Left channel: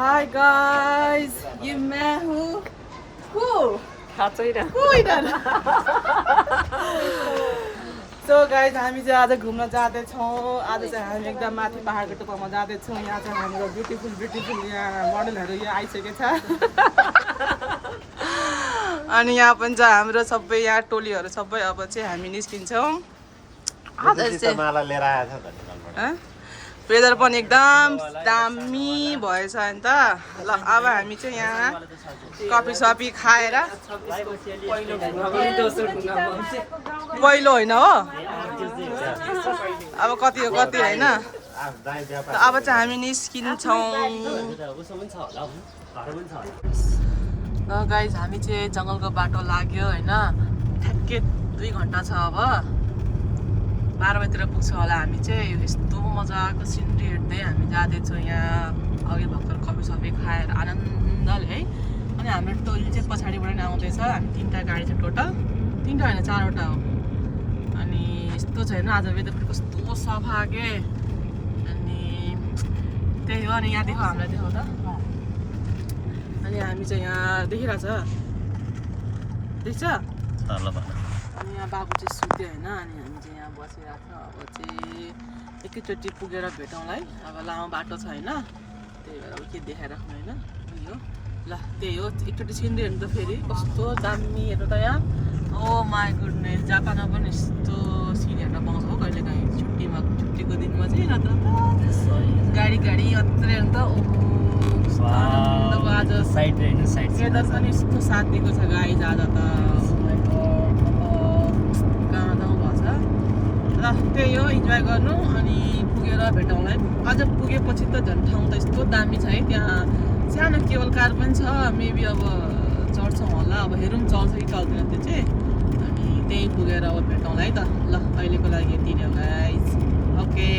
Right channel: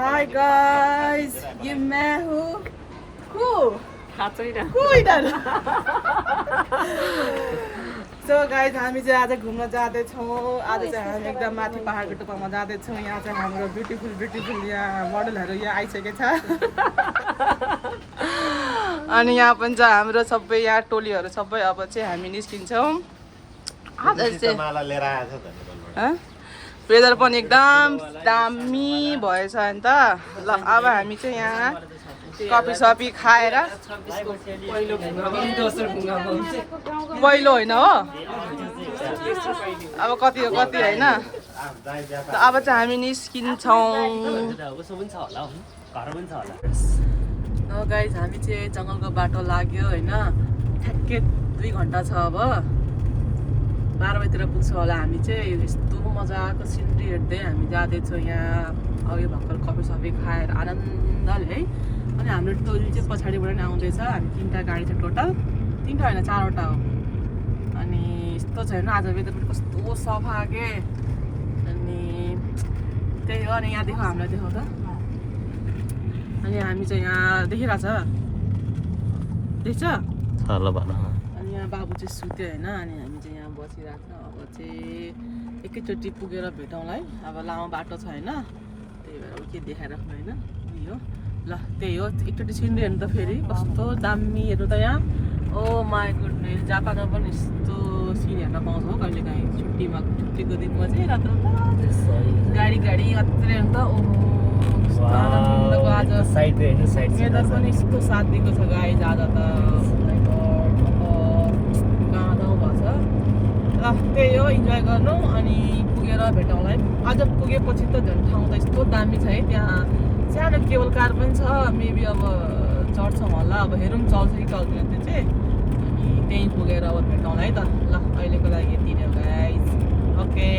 Hi guys, ये मैं हूँ So guys, हामी चाहिँ आज घुम्न जाँदैछौँ। आज चाहिँ हामी एकदम माथि पहाडको टुप्पामा जाँदैछौँ। यहाँ चाहिँ हाम्रो ब्युटिफुल यहाँ मोडलहरू यहाँ आइसकेको छ। अनि यहाँ पनि छ हाम्रो सबै यहाँ टोलीहरू सबै अब चाहिँ हामी निस्किन्छौँ। आज चाहिँ वेदर पनि एकदम दामी भएछ नि त। ल अब हामी चाहिँ यहाँ कफी सफी खाएर पहिलो होइन हो, अब कति हो कति होइन। अब चाहिँ हामी निस्किन्छौँ। ल गाइज हामी चाहिँ जङ्गलको बाटो लाग्यो होइन। ठ्याक्कै 2 घन्टा छ। अब 12 बजीतिर पुग्छौँ होला। हामी चाहिँ यस्तो मजाको सिनरी हेर्दै हामी जाँदैछौँ। यहाँ अघि भर्खर कफी सफी खाएर आनन्दले है। अनि हाम्रो टोली चाहिँ पछाडिबाट नै आउँदैछ। हामी 3टा गाडी छ टोटल, 3टा होइन 4वटा हो। अनि यस्तो छैन आज वेदर पनि कस्तो सफा के। अनि त्यही हो। अनि यहाँ देखाऊ, हामीलाई देखाऊ त। अनि हामी चाहिँ यहाँ देखिरहेछ, देख्छ। अनि यहाँ बाबु चाहिँ सुत्यो होइन। अनि हामी चाहिँ यहाँ बसिरहेको छ। अब चाहिँ एकैचोटि पुगेर भेटौँला है। अब लामो बाटो छ होइन, त्यही भएर अब के देखाइराख्नु होइन। यो ल त्यही हो। एकचोटि सिनरी हेर्नु त फेरि कस्तो दामी हेर्नु त यहाँ। ओ माई गुडनेस, जापानमा पनि यस्तो सिन हेर्न पाउँछ हो कहिलेकाहीँ छुट्टीको दिनमा चाहिँ। र गाडी अत्रै हेर्नु त। आनन्दको आज वेदर पनि यस्तो साथ दिएको छ गाइज आज त। कहाँ जाउँ भएको छ। ल त्यही हो, इन्जोय गर्नु। अनि पुगेर भेटौँला है। अझ पुगेपछि त झन् ठाउँ त यस्तो दामी छ है। त्यहाँ सानो केबल कार पनि छ। मेबी अब चढ्छौँ होला। अब हेरौँ चल्छ कि चल्दैन त्यो चाहिँ। अनि त्यही पुगेर अब भेटौँला है त। ल अहिलेको लागि यति नै हो गाइज। ओके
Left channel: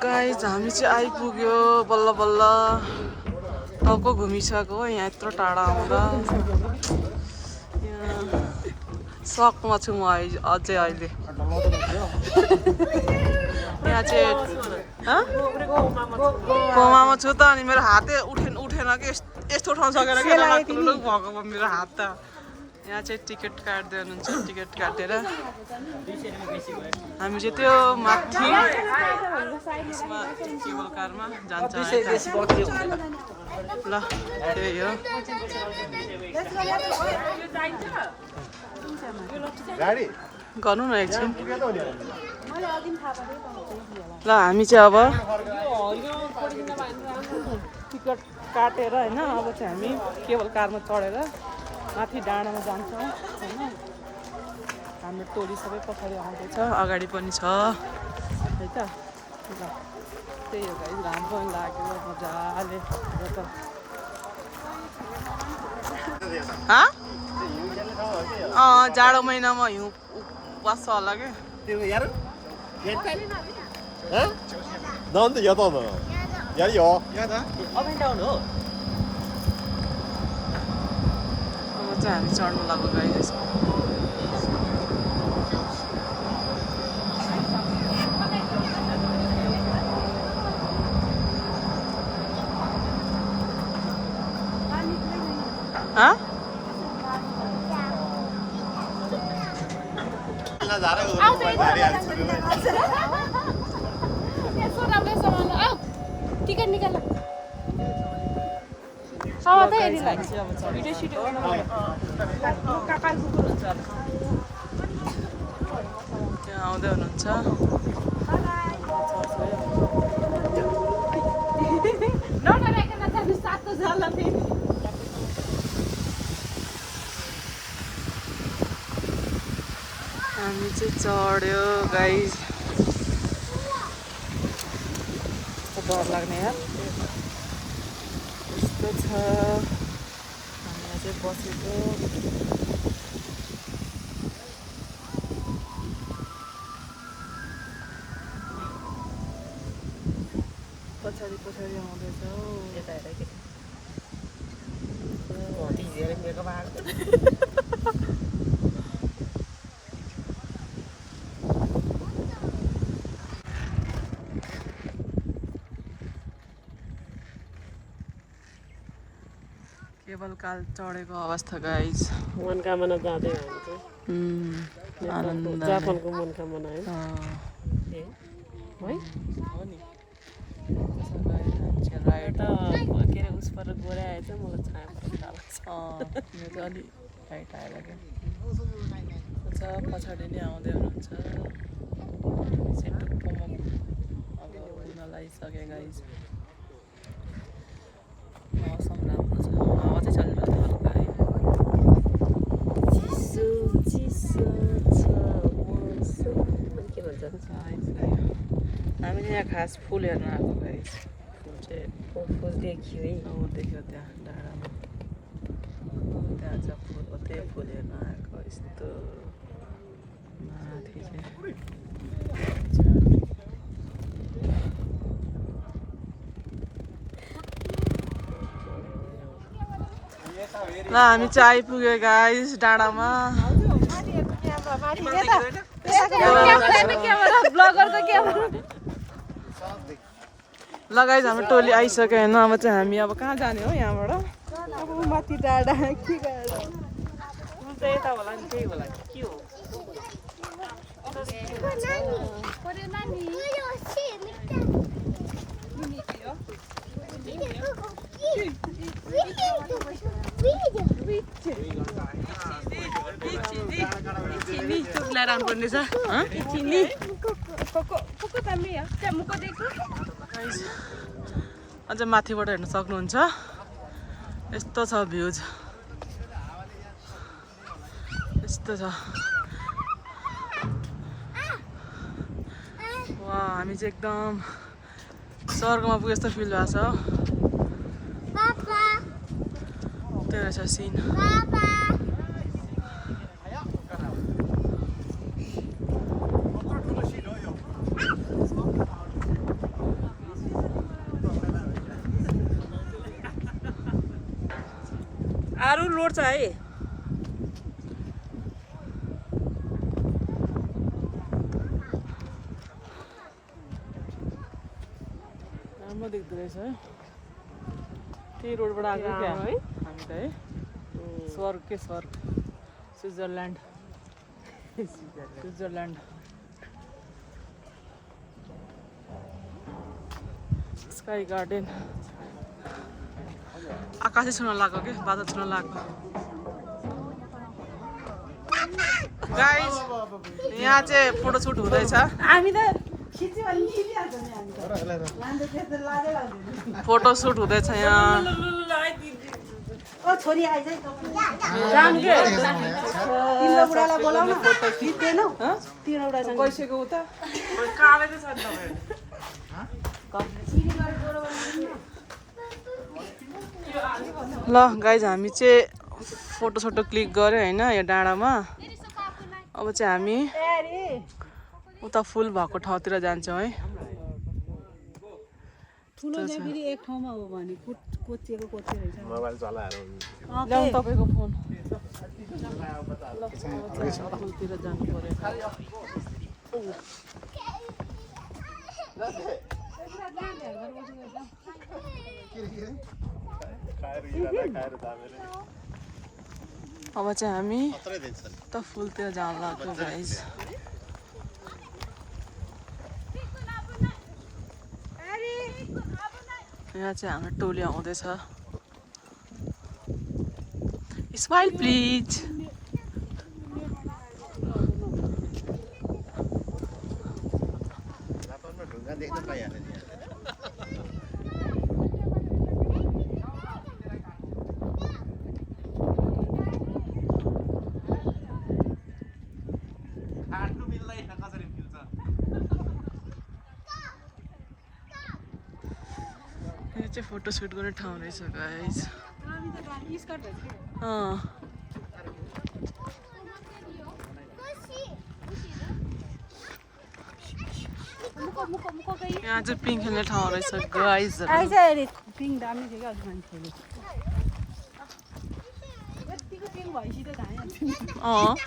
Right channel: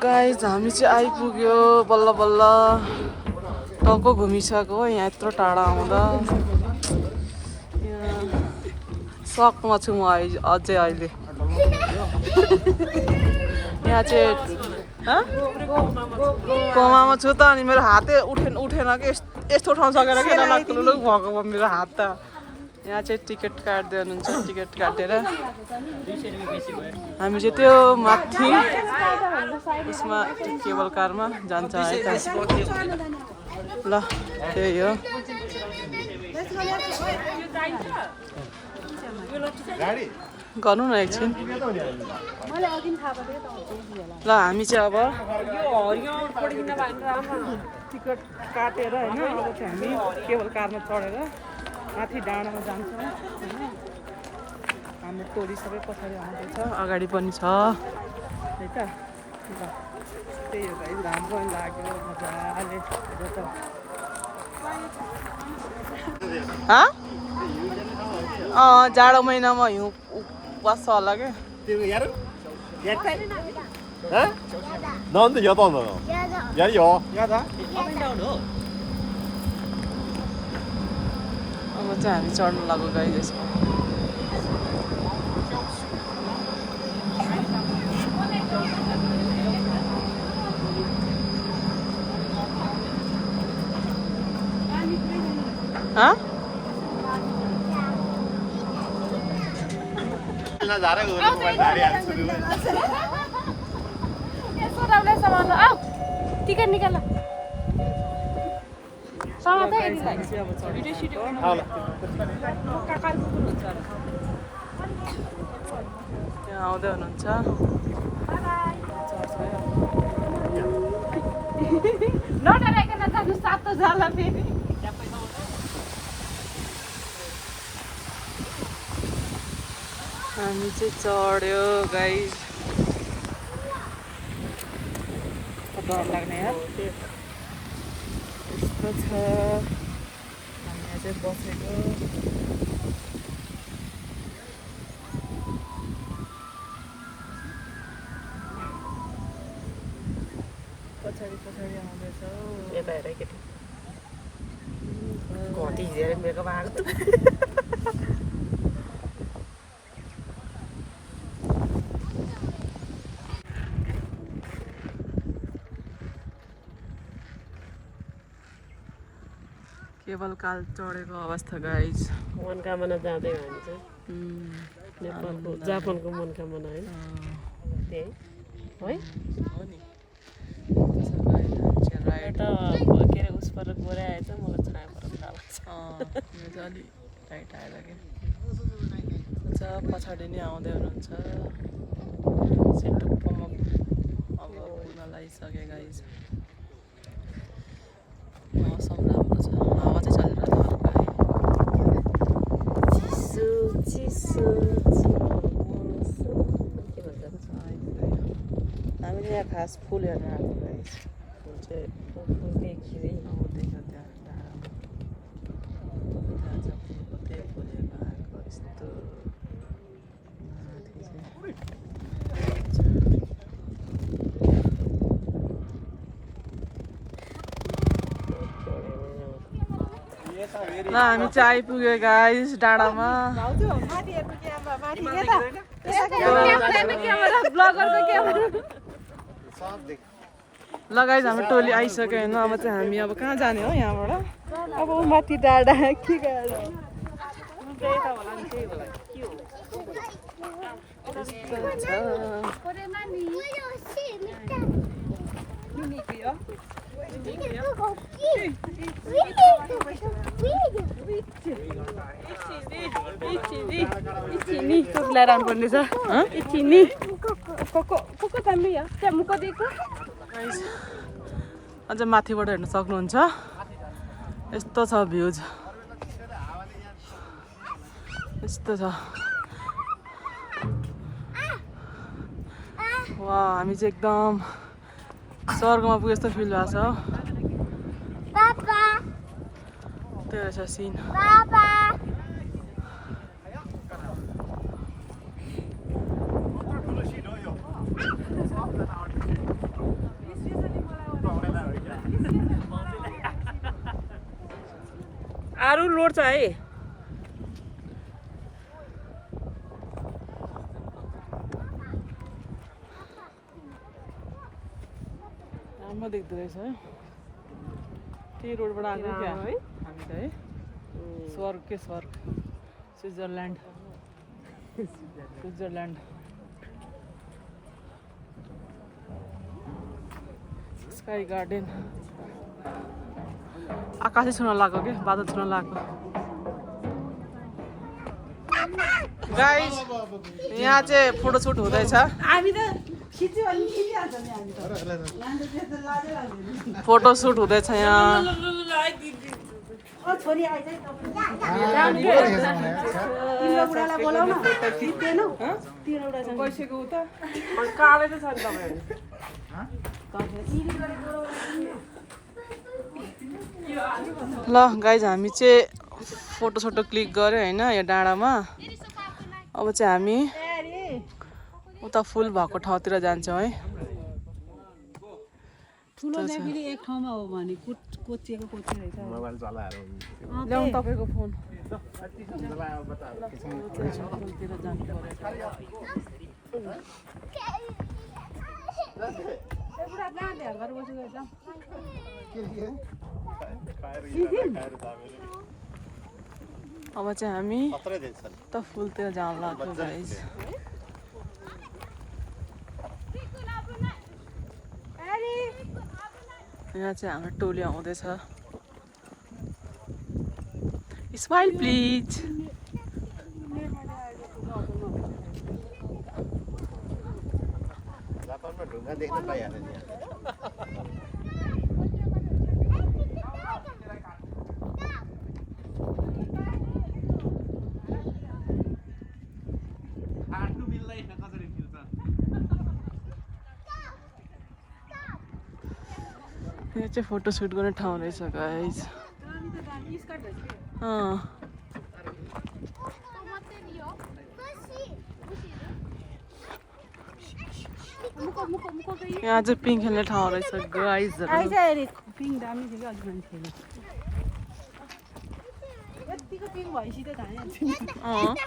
गाइज हामी चाहिँ आइपुग्यो बल्ल बल्ल। टाउको घुमिसक्यो यहाँ यत्रो टाढा आउँदा। सकमा छु म अझै अहिले। यहाँ चाहिँ कोमामा छु त। अनि मेरो हातै उठेन कि यस्तो ठाउँ सकेर के नलाग्नु भएको भयो मेरो हात त। यहाँ चाहिँ टिकट काट्दै हुनुहुन्छ। टिकट काटेर हामी चाहिँ त्यो माथि उसमा केबल कारमा जान्छ है त। ल त्यही हो। गर्नु न एकछिन। ल हामी चाहिँ अब टिकट काटेर होइन अब चाहिँ हामी केबल कारमा चढेर माथि डाँडामा जान्छौँ होइन। हाम्रो टोली सबै पछाडि आउँदैछ, अगाडि पनि छ है त। ल त्यही हो गाइस। घाम पनि लाग्यो मजाले त। जाडो महिनामा हिउँ बस्छ होला क्या। अब चाहिँ हामी चढ्नु लाग्यो गाइस यसमा। टिकट निकाल। त्यहाँ आउँदै हुनुहुन्छ। हामी चाहिँ चढ्यो गाइस। डर लाग्ने यार यस्तो छ। हामी यहाँ चाहिँ बसेको। पछाडि आउँदैछ यता हेर केटी। केबल काल चढेको अवस्था गाइज। मनकामना जाँदै हामी चाहिँ नेपालको जापानको मनकामना है त्यही है हो नि त्यसो गाइज हामी चाहिँ राइड के अरे उस पर गोरे आएछ मलाई छाया पर थाहा लाग्छ यो चाहिँ अलि टाइट आएर क्या अच्छा पछाडि नै आउँदै हुनुहुन्छ सिटुक्कोमा अब पुग्न लागिसके गाइज। मौसम राम्रो छ हावा चाहिँ चलेर हल्का है चिसो चिसो छ मौसम के भन्छ हामीले यहाँ खास फुल हेर्न आएको गाइज। फुल चाहिँ फुल देखियो है देख्यो त्यहाँ डाँडामा त्यहाँ चाहिँ फुल हो त्यही फुल हेर्न आएको यस्तो माथि चाहिँ ल हामी चाहिँ आइपुग्यो गाइस डाँडामा। ल गाइस हाम्रो टोली आइसक्यो होइन अब चाहिँ हामी अब कहाँ जाने हो यहाँबाट अब माथि डाँडा के अझ माथिबाट हेर्न सक्नुहुन्छ यस्तो छ भ्यूज यस्तो छ वा हामी चाहिँ एकदम स्वर्गमा पुगे जस्तो फिल भएको छ त्यो रहेछ सिन आरु लोड छ है राम्रो देख्दो रहेछ है त्यही रोडबाट आएको क्या है हामी त है स्वर्ग के स्वर्ग स्विजरल्यान्ड स्काई गार्डन आकाशै छुन लाग्यो कि बादल छुन लाग्यो गाइस यहाँ चाहिँ फोटोसुट हुँदैछ फोटोसुट हुँदैछ यहाँ ल गाइज हामी चाहिँ फोटोसोटो क्लिक गऱ्यो होइन यो डाँडामा अब चाहिँ हामी उता फुल भएको ठाउँतिर जान्छौँ है ल्याउँ तपाईँको फोन फुलतिर जानु पर्यो अब चाहिँ हामी त फुलतिर जान लाग्यो गाइस यहाँ चाहिँ हाम्रो टोली आउँदैछ स्माइल प्लिज यहाँ चाहिँ फोटोसुट गर्ने ठाउँ रहेछ गाइस यहाँ चाहिँ पिङ खेल्ने ठाउँ रहेछ गाइसहरू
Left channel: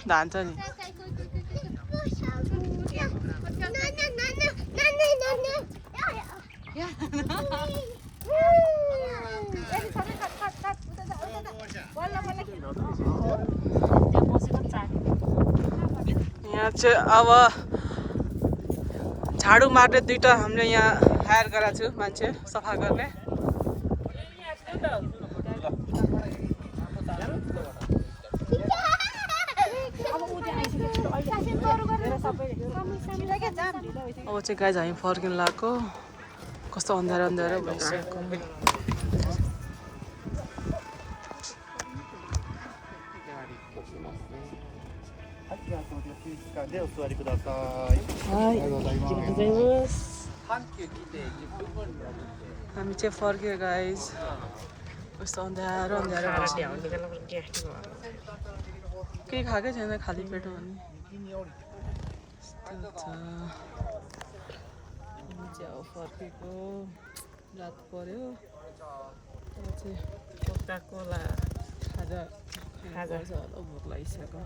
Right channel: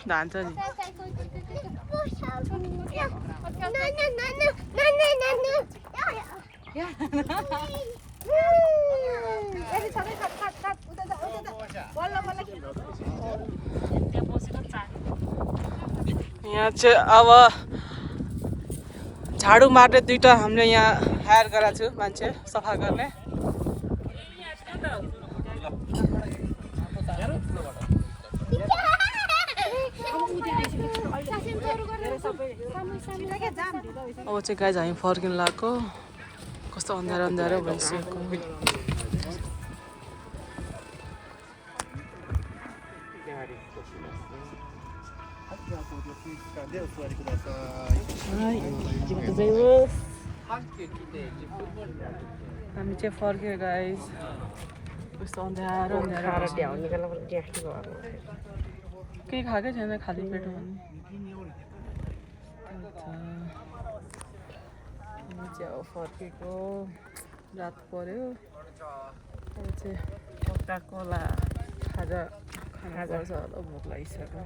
धान्छ नि यहाँ चाहिँ अब झाडु मार्ने दुईटा हामीले यहाँ हायर गरेको छु मान्छे सफा गर्ने अब चाहिँ गाइज हामी फर्किनु लाग्यो कस्तो अन्धारो अन्धारो भइसक्यो हामी चाहिँ फर्क्यो गाइज कस्तो अन्धारो अन्धारो केही खाएकै छैन खाली पेटमा भन्ने हामी चाहिँ अब फर्केको रात पर्यो अब चाहिँ कोका कोला खाजा खाजा होला भोक लागिसक्यो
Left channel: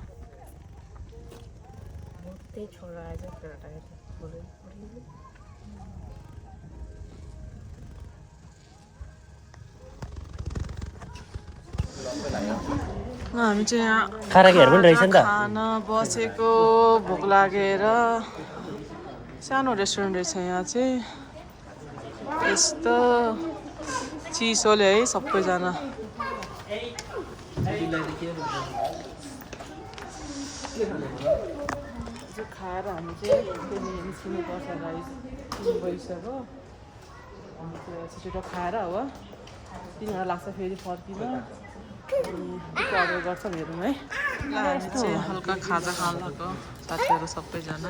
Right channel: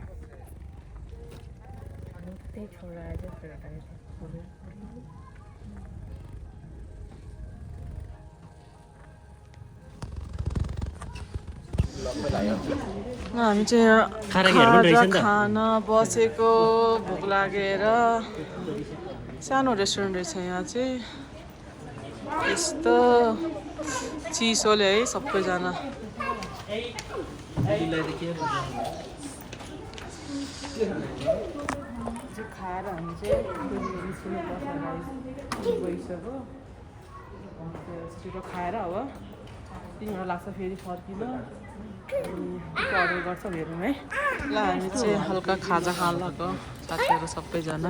त्यही छोरा आएछ हामी चाहिँ यहाँ खान बसेको भोक लागेर सानो रेस्टुरेन्ट रहेछ यहाँ चाहिँ यस्तो चिसोले है सबैजना खाएर हामी चाहिँ निस्किनु पर्छ गाइस गइसक्यो हामी त्यो छिटो खाएर अब 3 घन्टा लाग्छ फेरि फर्किन अर्डर गर्छौँ हेरौँ है ल हामी चाहिँ हल्का खाजा खान लाग्यो साथीहरू सबैजना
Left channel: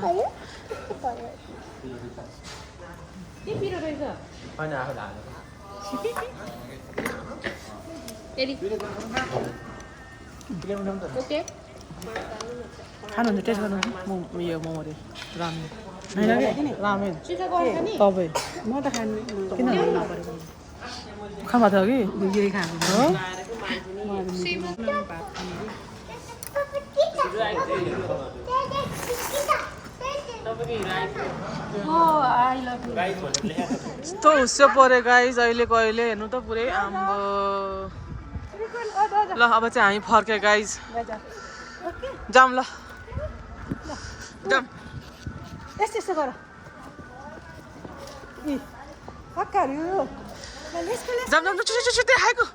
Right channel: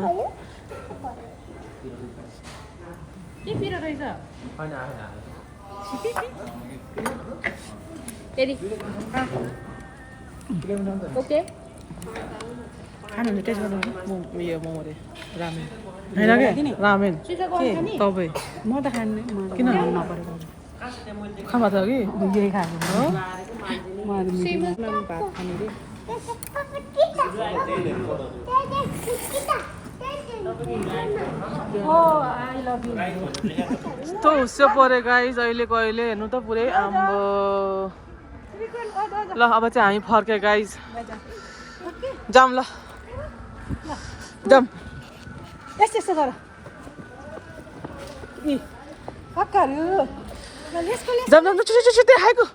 खानुहुन्छ टेस्ट गर्नु उयो मोमो रे रामेन होइन के रामेन तपाईँ म त खान्छु किन खामा थियो कि यही खानु यस्तो हुस्यो पऱ्यो गाइज अहिलेको अहिले हेर्नु त पुरै आम्बो ल अब चाहिँ हामी फर्क्यो गाइज जाम ल जाम यस्तो यस्तो गर जाम जाम छिटो छिटो छिटो देखाएको